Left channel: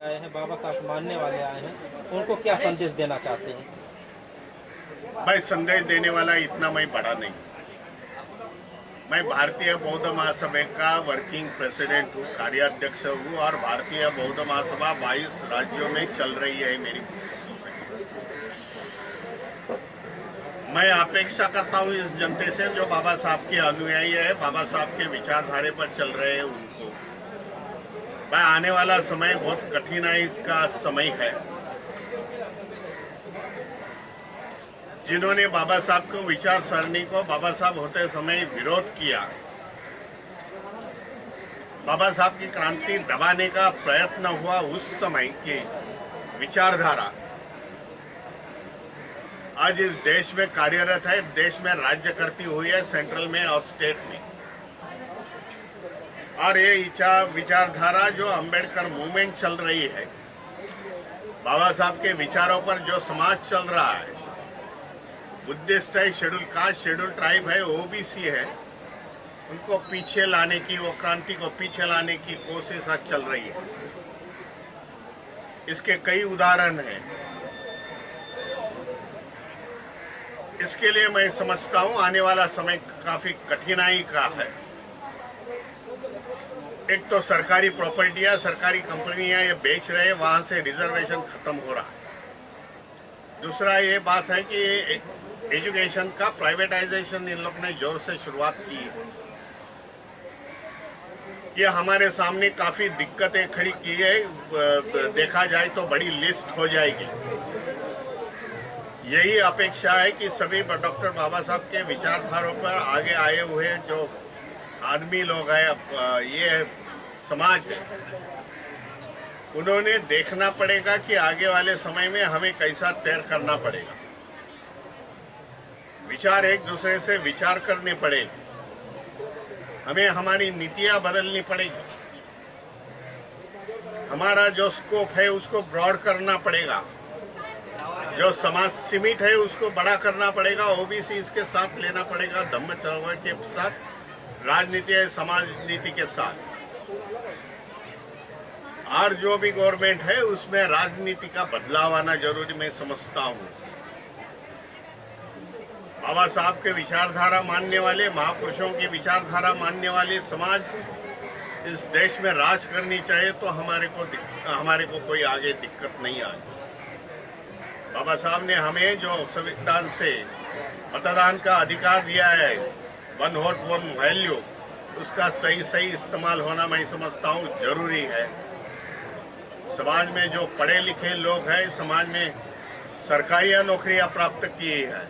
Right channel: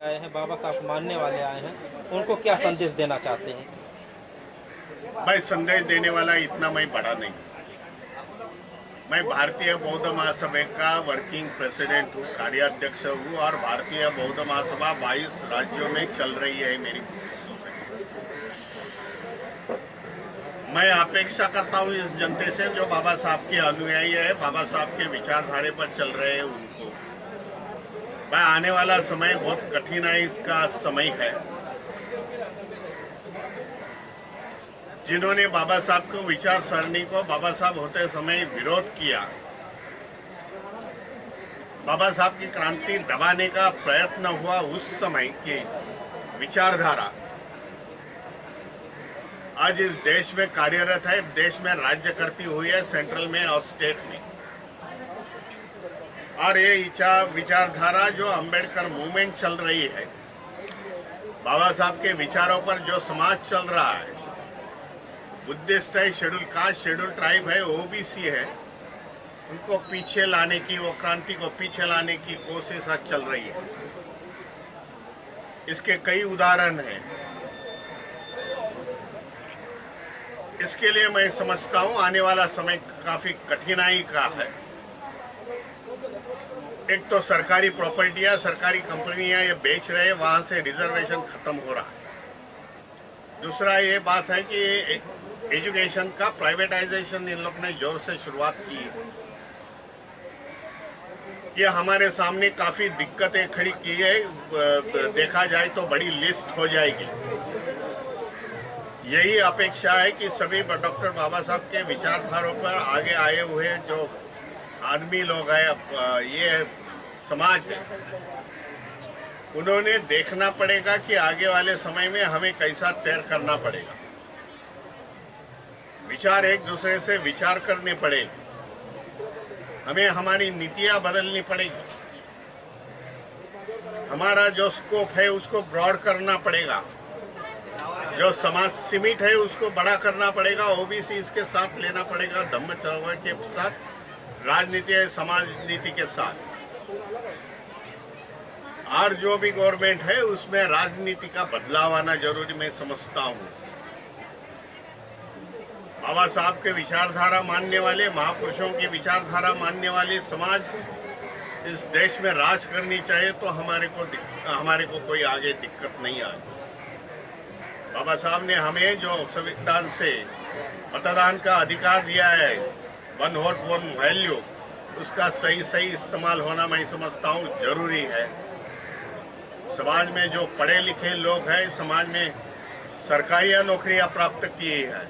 आए हैं, बाबा साहब मानने वाले आए हैं, उनको क्या संदेश देना चाहते हैं? भाई संदेश देने वाला इतना मैं बड़ा नहीं। मैं भारतीय बौद्ध महासभा का वर्किंग प्रेसिडेंट हूँ, कार्याध्यक्ष हूँ और भारतीय बौद्ध महासभा 22 राज्यों में चल रही है मेरी सोसाइटी। मैं अपेक्षा करता हूँ इस जनता से जो बाबा साहब के अनुयायी है, बाबा साहब के विचारधारे पर चल रहे हैं उनको। भाई आने वाला समय बहुत कठिन है, इसका समय है। जिन्होंने बाबा साहब को विचार सरणी को बाबा साहब होते समय विरोध किया, बाबा साहब की क्रांति दबाने का प्रयत्न हुआ, उस समय की विचारधारा आज इस देश में कार्यरत है, देश में राज्य करती हुई है, सेंट्रल में और स्टेट में। और ये विचारधारा जो अंबेडकर मूवमेंट चल रही है, बाबा साहब के विचारों पर जो समाज चल रहा है, बुद्धिस्ट है, शेड्यूल कास्ट, शेड्यूल ट्राइब है, ओबीसी है, उनको पीछे लाने की, वो क्रांति को पीछे लाने की कोशिश आज चल रही है। इसके कई उदाहरण हैं। इसके लिए मैं समझता हूं आने वाला समय काफी कठिनाई का है। एक तो सरकारी प्रॉपर्टियां, सरकारी कंपनियां ये बेच रहे हैं, वहां से रिजर्वेशन खत्म हो रहा है। दूसरा ये बात है कि एजुकेशन का प्राइवेटाइजेशन इन लोग ने जोर से शुरुआत की है। ये हमारे सामने काफी दिक्कतें खड़ी की है, देखा जाए तो बड़ी लिस्ट हो जाएगी। यही अपेक्षा है कि सभी डॉक्टर बाबा साहब के विचारधारों पर आगे आए हुए जो आदमी लोग हैं, ये समाज है, उन्होंने देखना पड़ेगा कि आगे वाले समय में हमें कैसा तैयार करना पड़ेगा। विचार एक दूसरे से विचार करने पड़ेगी, हमें हमारी नीतियां बदलनी पड़ेगी, हमारा जो स्कोप है उसको ब्रॉड करना पड़ेगा, जो समाज सीमित है उसको बड़ा करना पड़ेगा, ओबीसी इसके साथ लेना पड़ेगा, धम्म चळवळ के साथ, राजनीति है समाज नीति के साथ। और जो भी गवर्नमेंट है उसमें राजनीति का बदलाव आना जरूरी मैं समझता हूँ। बाबा साहब के विचारधारा मानने वाले, महापुरुषों की विचारधारा मानने वाले समाज इस देश में राज करनी चाहिए, तो हमारे को कोई आगे दिक्कत नहीं आएगी। बाबा साहब ने हमें जो संविधान से मतदान का अधिकार दिया है, 1 वोट 1 वैल्यू, उसका सही इस्तेमाल होना मैं समझता हूँ जरूरी है। समाज में जो पढ़े लिखे लोग हैं, समाज में सरकारी नौकरियां प्राप्त की है,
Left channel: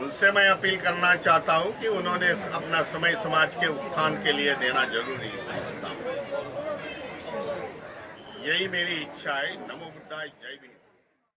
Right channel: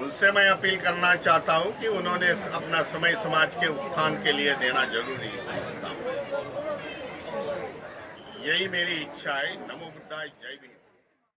उनसे मैं अपील करना चाहता हूं कि उन्होंने अपना समय समाज के उत्थान के लिए देना जरूरी समझता हूं। यही मेरी इच्छा है। नमो बुद्धाय, जय भीम।